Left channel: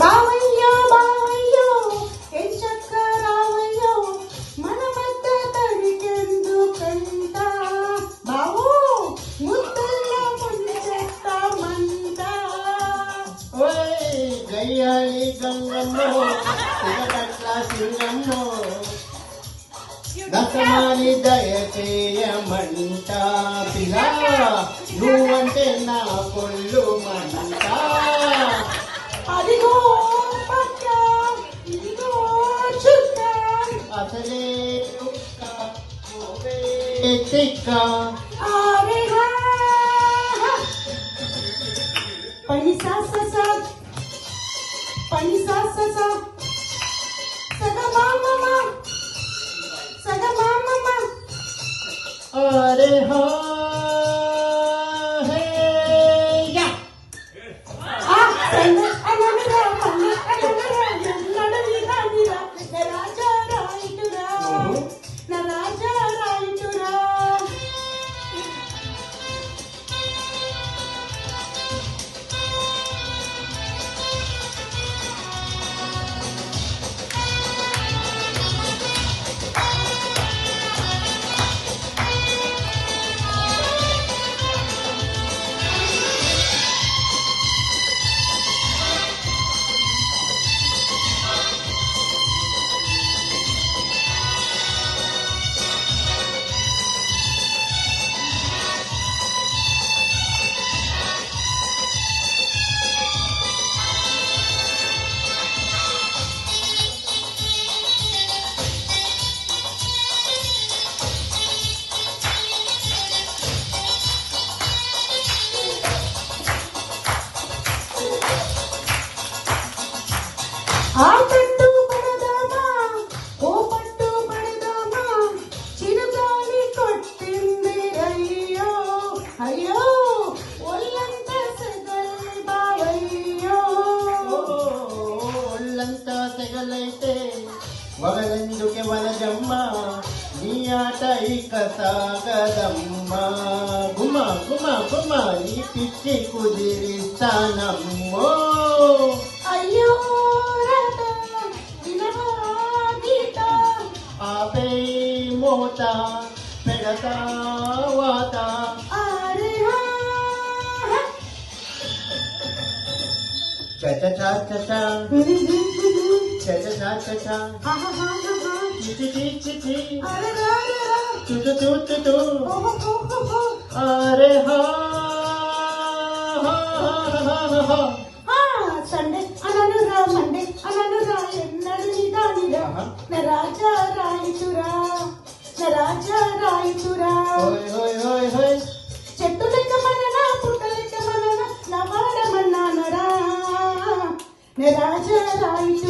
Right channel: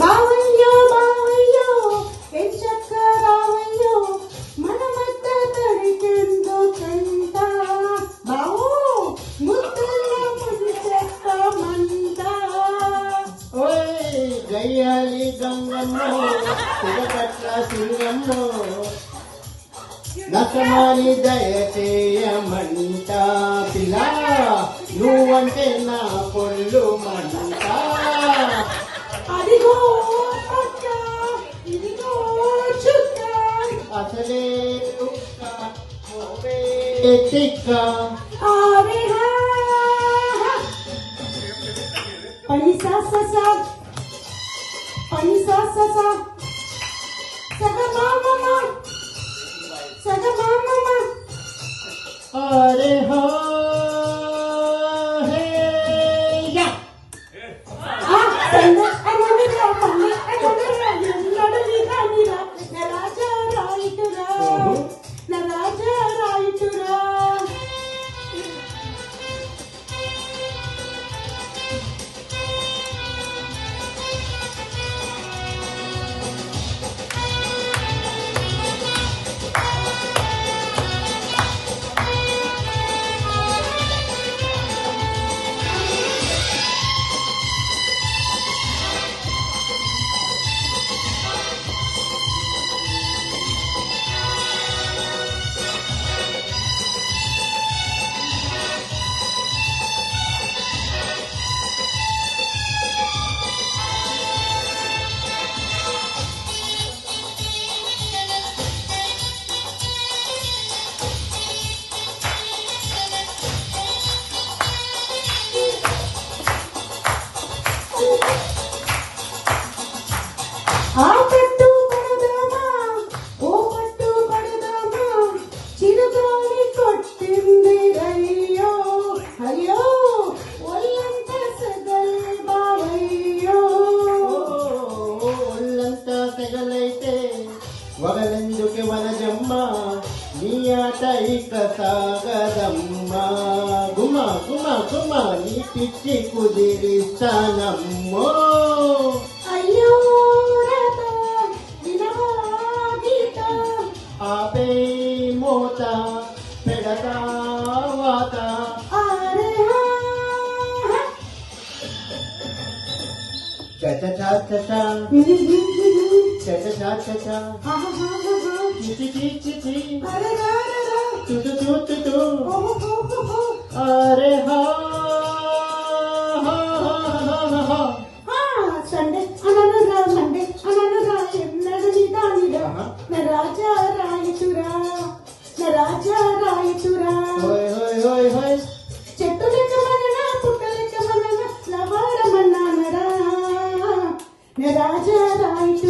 బావయ్యో బావయ్యో ఎంచక్క రావయ్యో మన మధ్య తడికెందుకంట బావు ముద్దుల్లో ముంచెత్తామంట. ఓయ్ గయ్యాలి గంగమ్మో తిరగట్ల సింగమ్మో నసమాలి దయచేయమంట పిల్ల నువ్వంటే నా పొల్లు మంట. అదిగో పక్క ఇదిగో చుక్క అసలే తిక్క పని సా పని సా సగమామ అరే హో ఆ పట్టు పడదామా ఓ పట్టు పడదామా చిరుగాలి కొట్టింది అయ్యో అయ్యో ఒళ్ళంతా సెగల్ బావయ్యో. ఒళ్ళంతా సెగలైతే వగలెందుకు వలజమ్మ నీ ఆట ఇక సాగదమ్మ. గుమ గుమ గుమ నీ పిచ్చి కుదిరిస్తానమ్మో. అయ్యో ఆపే మోత పెడతా వాత చట చట చట చట చట చిటి చిటి చుటు చుటు చు అరే హా సండే అననురా మండే అననురా ఎన్నడు నిదానిరా నా రాజా రాయిచురా నా రాజా రాయిచురా. చెట్టు లెక్క మననా పుట్ట లెక్క మననా నా వాడమన్నానరా నా రాజా రాయిచురా.